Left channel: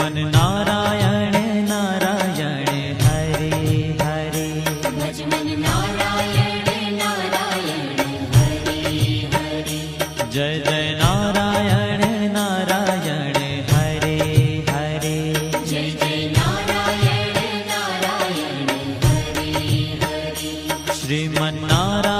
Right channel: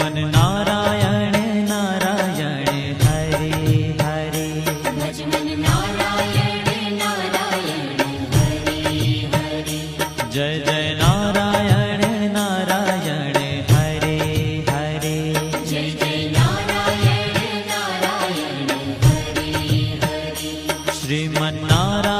मन नारायण नारायण हरे हरे। भज मन नारायण नारायण हरे हरे। जय जय नारायण नारायण हरे हरे। जय जय नारायण नारायण हरे हरे। श्रीमन नारायण